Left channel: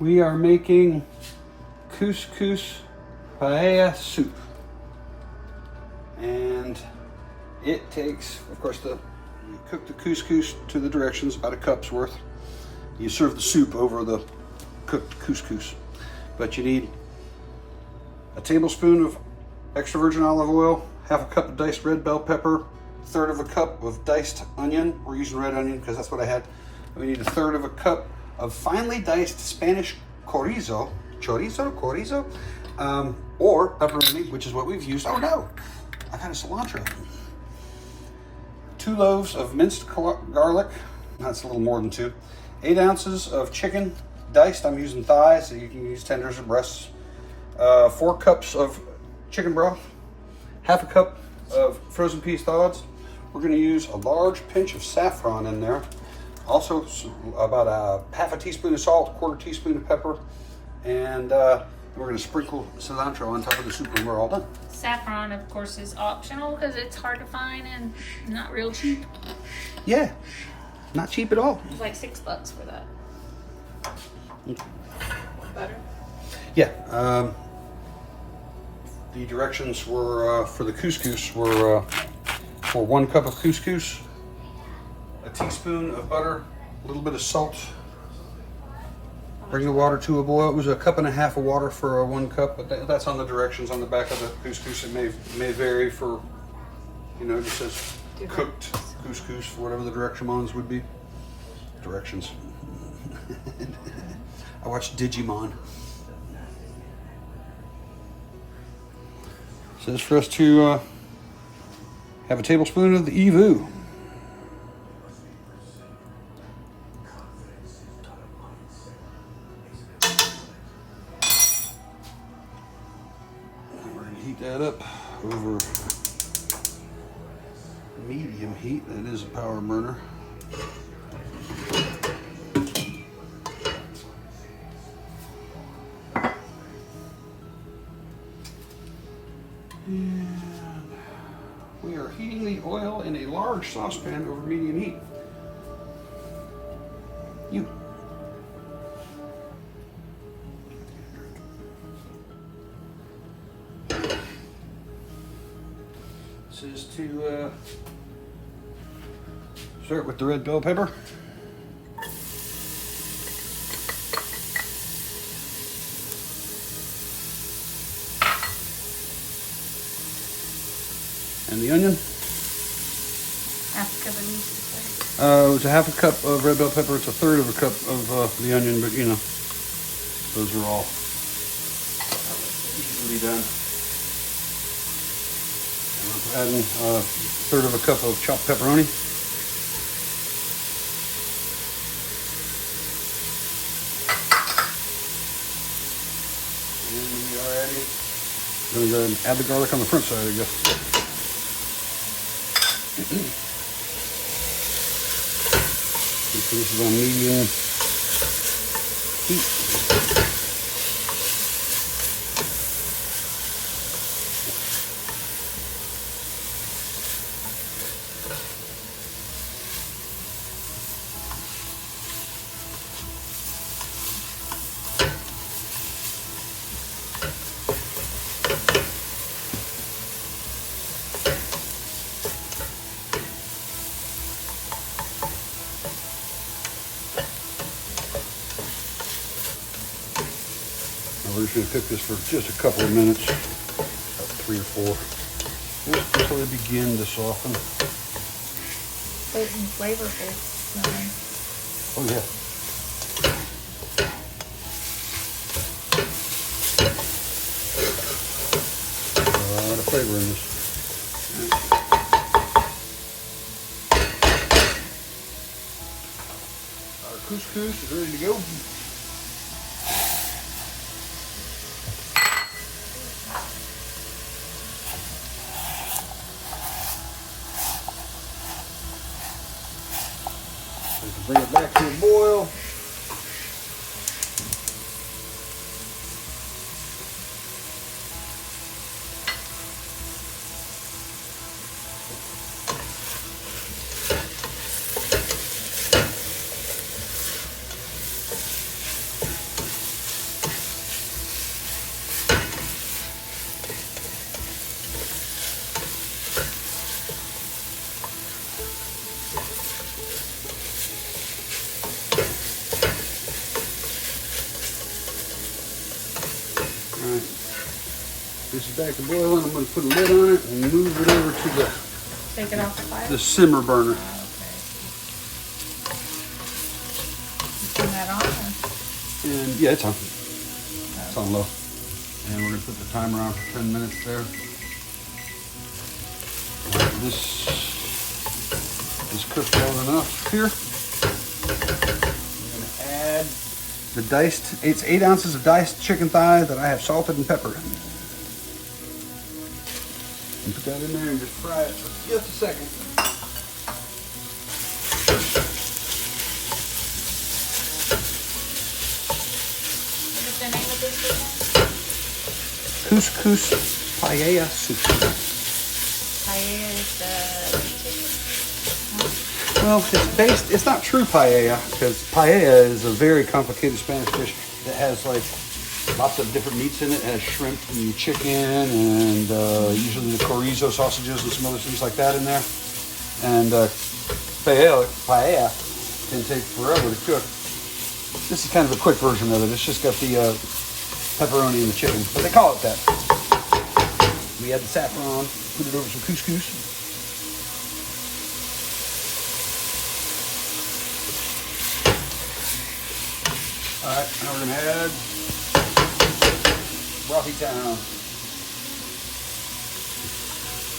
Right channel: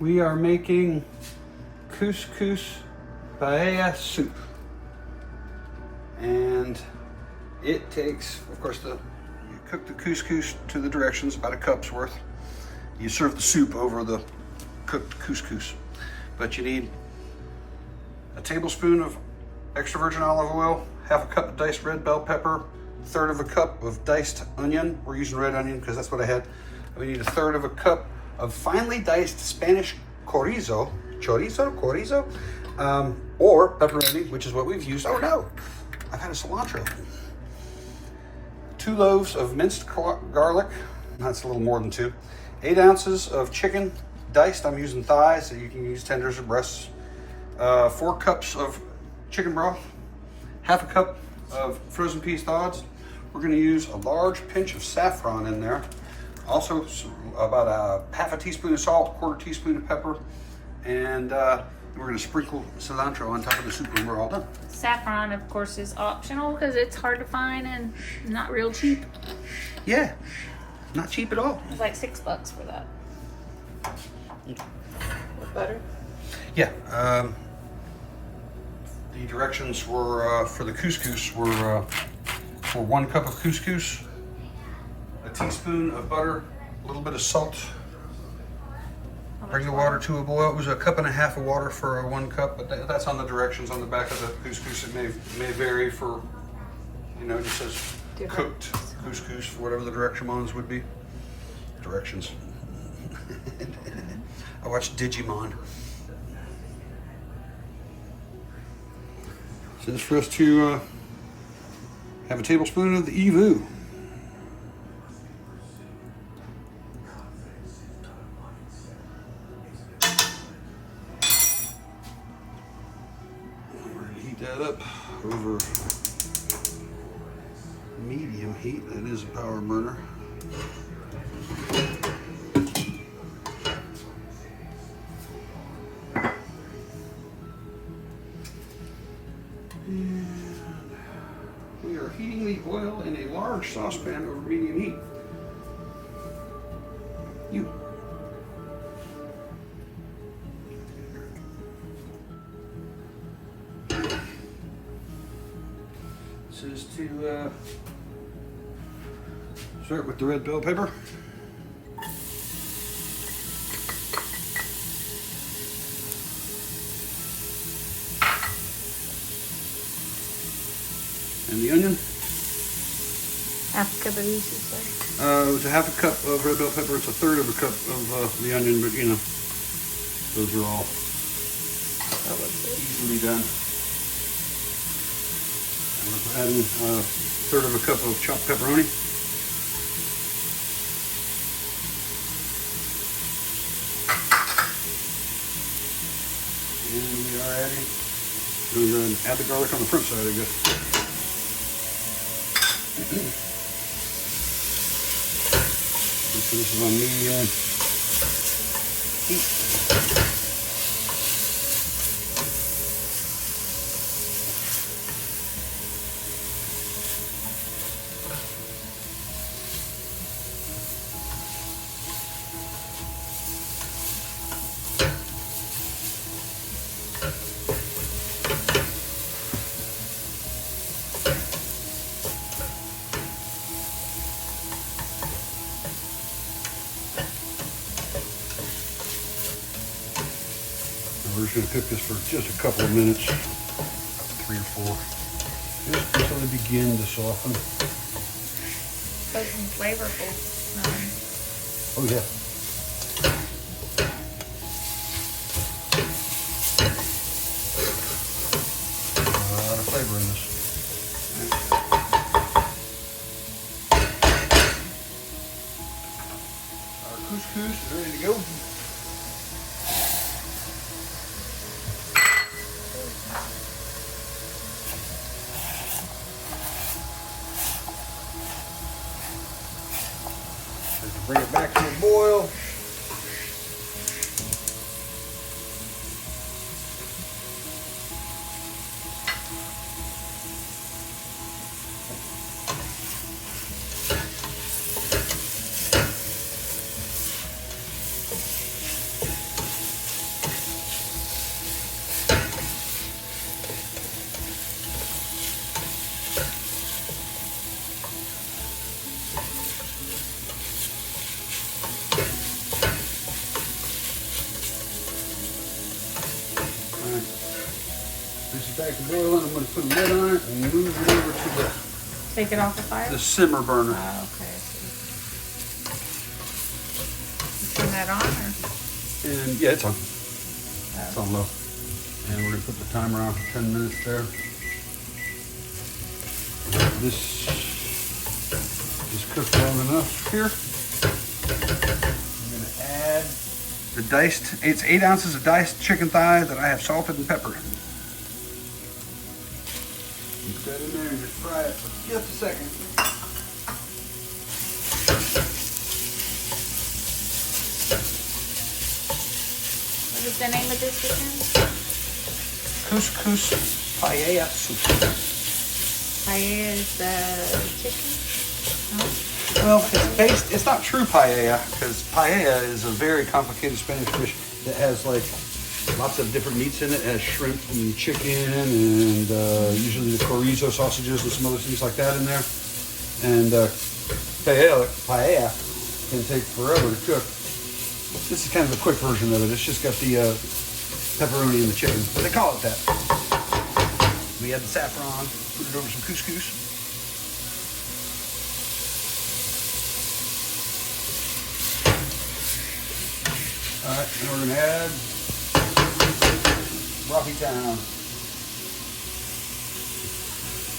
We are making CousCous Paella soup. And it takes, of course, you cook the couscous to the directions, about a cup's worth. You serve the soup over the cooked couscous. But you need a tablespoon of extra virgin olive oil, half a cup of diced red bell pepper, a third of a cup of diced onion. We're using red onion because that's what I had. We need a third of a cup of finely diced Spanish chorizo, or pepperoni, which is what we've used. Oh no, I've had a cilantro. 2 loaves of minced garlic, that's a little more than 2. 8 ounces of chicken, diced, I'm using thighs, so you can use tenders or breasts. 4 cups of chicken broth, half a cup of frozen peas thawed. We're gonna use a large pinch of saffron in there. Also about a half a teaspoon of salt, 1/4 teaspoon of pepper, and we're gonna sprinkle cilantro on top of the soup when we're all done. Saffron, of course, is optional because it's hard to find and not real cheap. Yeah, not cheap at all. It's like $6 for that. Butter? Yeah, the directions were, for the couscous were for 1 cup of couscous, a teaspoon of butter, a little bit of salt. Bring the water to a boil. It was 1.5 cups of water for 1 cup, but that's on the directions on the back of the couscous. It may vary for, you know, it just says cooked couscous, whatever the directions would be. Directions. I watched Digimon. So this is for us to have a tablespoon of the EVOO. That up over medium heat. It is a power burner. And we are heating the oil in a large saucepan over medium heat. This is to start with the red bell pepper. And the onion. Half a cup of each, it's a half a cup of red bell pepper. It's a third of a cup of the onion, but you know, those are all easily done. We're adding a third of a cup of chopped pepperoni. And we are adding, we're going to add the garlic on the front side, I guess. So this is on medium heat. We're just going to cook this for just a couple of minutes, 3 or 4, just until they begin to soften. But flavorful. Oh yeah. A lot of flavor in this. Our couscous is ready to go. Bring it back to a boil. back to boiling. I'm going to put a lid on it and move it over to Take it off the fire? the simmer burner. Oh, okay. You turn that on? Or? And yeah, it's on. It's on low. And we're going to put the timer on for 10 minutes there. This is cooked well enough here. We're going to add the diced, it's 8 ounces of diced chicken thigh that I have salted and peppered. You put that in there and just fry it for just a second. What's the name of this chicken? CousCous Paella soup. Paella is the chicken? Well, it's based, it's not true paella, because paella is a very complicated Spanish dish that has like lots of different meats in it. It has shrimp and chicken and usually the chorizo sausages and some other things like that in there. And paella can take forever to cook. This is kind of a quick version of it. It's just got the pepperoni and the chicken, but they call it that. We add the saffron, put it over some couscous. All right, now we're gonna add Rocky Town.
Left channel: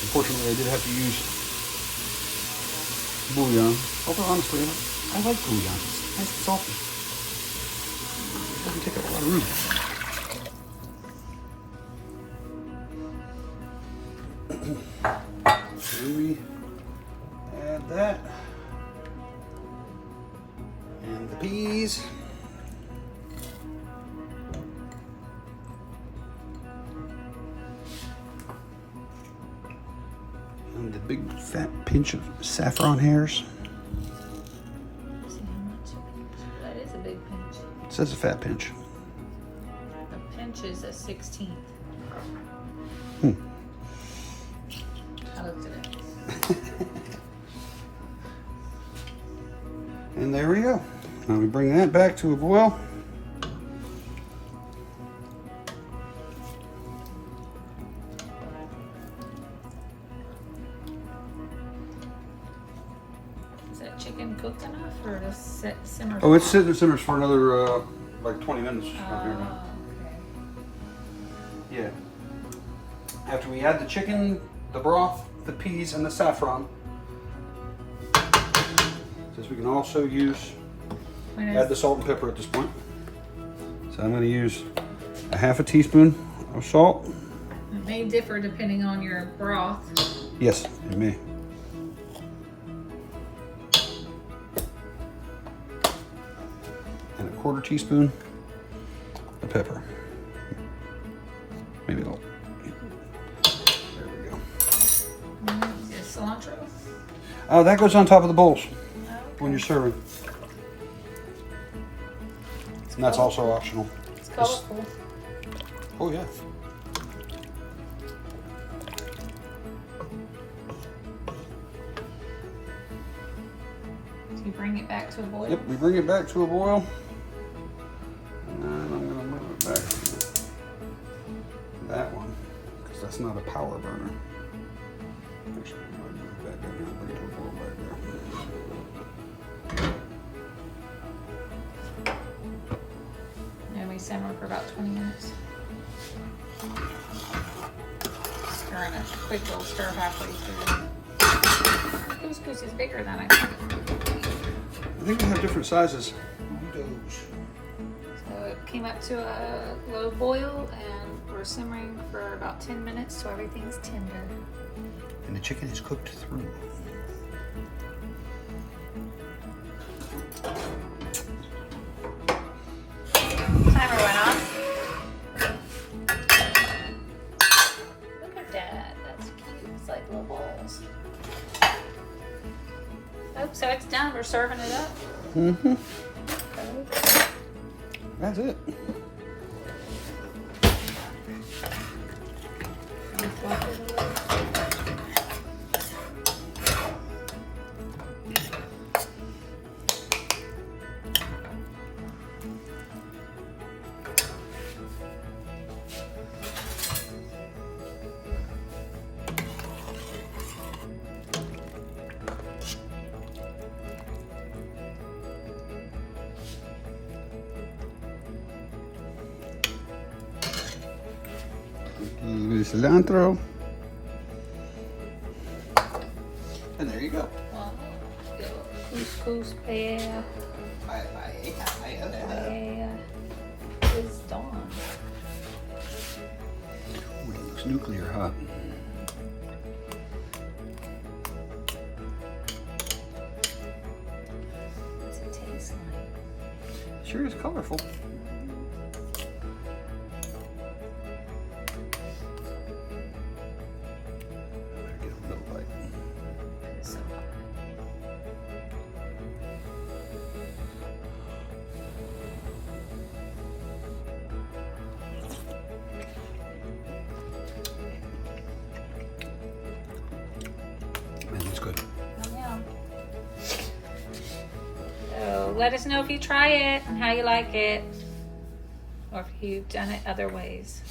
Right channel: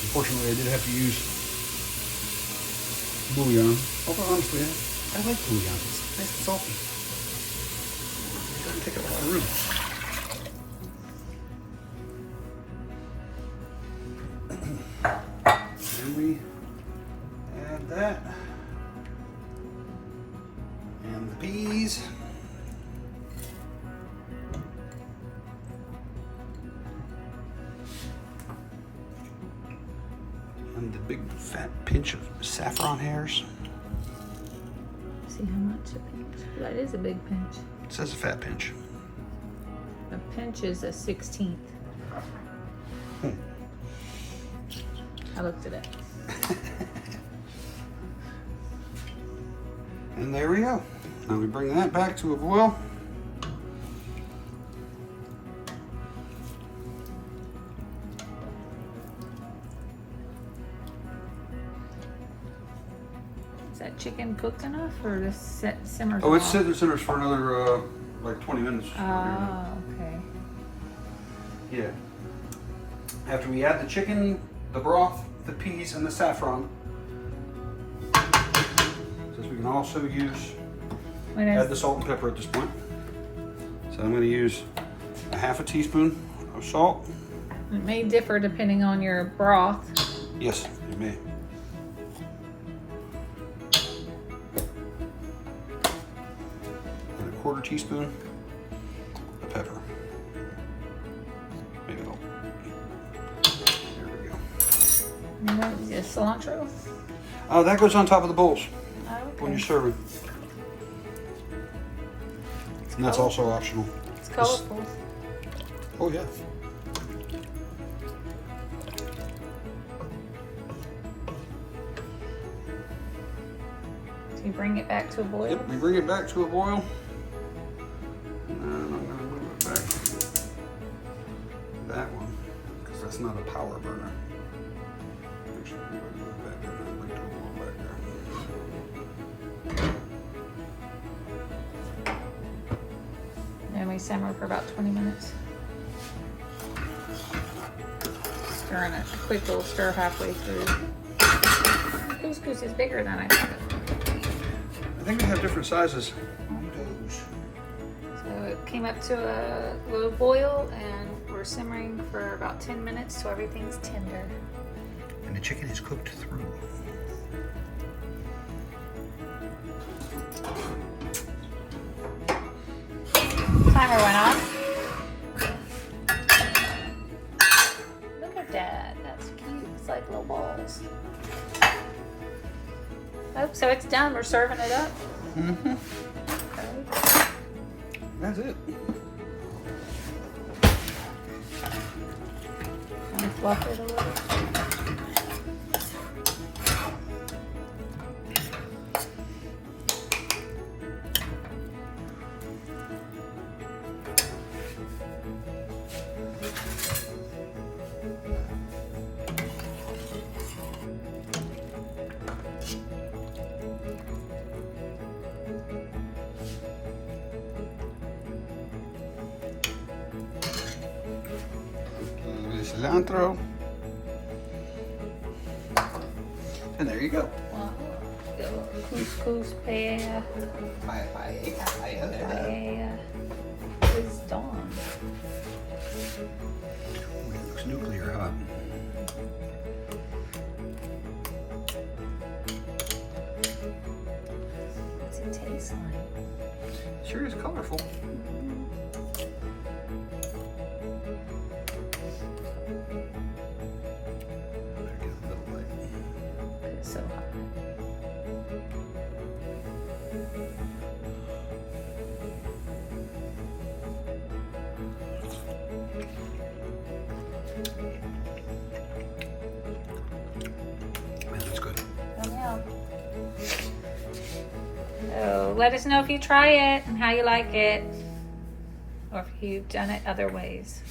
Unfortunately, I did have to use bouillon. Although honestly, I like bouillon. It's nice and salty. It doesn't take up a lot of room. And we add that. And the peas. And the big fat pinch of saffron hairs. See how much it is? That is a big pinch. It says a fat pinch. A pinch is a 16th. I looked at it. And there we go. Now we bring that back to a boil. Is that chicken cooked enough or the simmers? Oh, it's sitting there simmers for another like 20 minutes. Oh, okay. Yeah. After we add the chicken, the broth, the peas, and the saffron, since we can also add the salt and pepper at this point. So I'm going to use a half a teaspoon of salt. It may differ depending on your broth. Yes, it may. And a quarter teaspoon of pepper. Maybe a little. There we go. And what is this, cilantro? Oh, that goes on top of the bowls Oh, okay. when you're serving. And that's also optional. It's colorful. Oh, yeah. So you bring it back to a boil? Yep, we bring it back to a boil. And I'm going to move it back to that one, because that's not a power burner. Actually, I'm going to move that one and bring it back down. And we simmer for about 20 minutes. Stirring it. Quick little stir halfway through. Couscous is bigger than I thought. I think we have different sizes on those. So it came up to a low boil and we're simmering for about 10 minutes so everything's tender. And the chicken is cooked through. Timer went on. Look at that. That's cute. It's like little balls. Oh, so it's done. We're serving it up. Mm-hmm. Okay. That's it. And fluff it a little. cilantro. And there you go. CousCous Paella. Paella is dawn. It looks nuclear hot. What's it taste like? Sure is colorful. It's so hot. It's good. Yum, yum. So let us know if you try it and how you like it, or if you've done it other ways.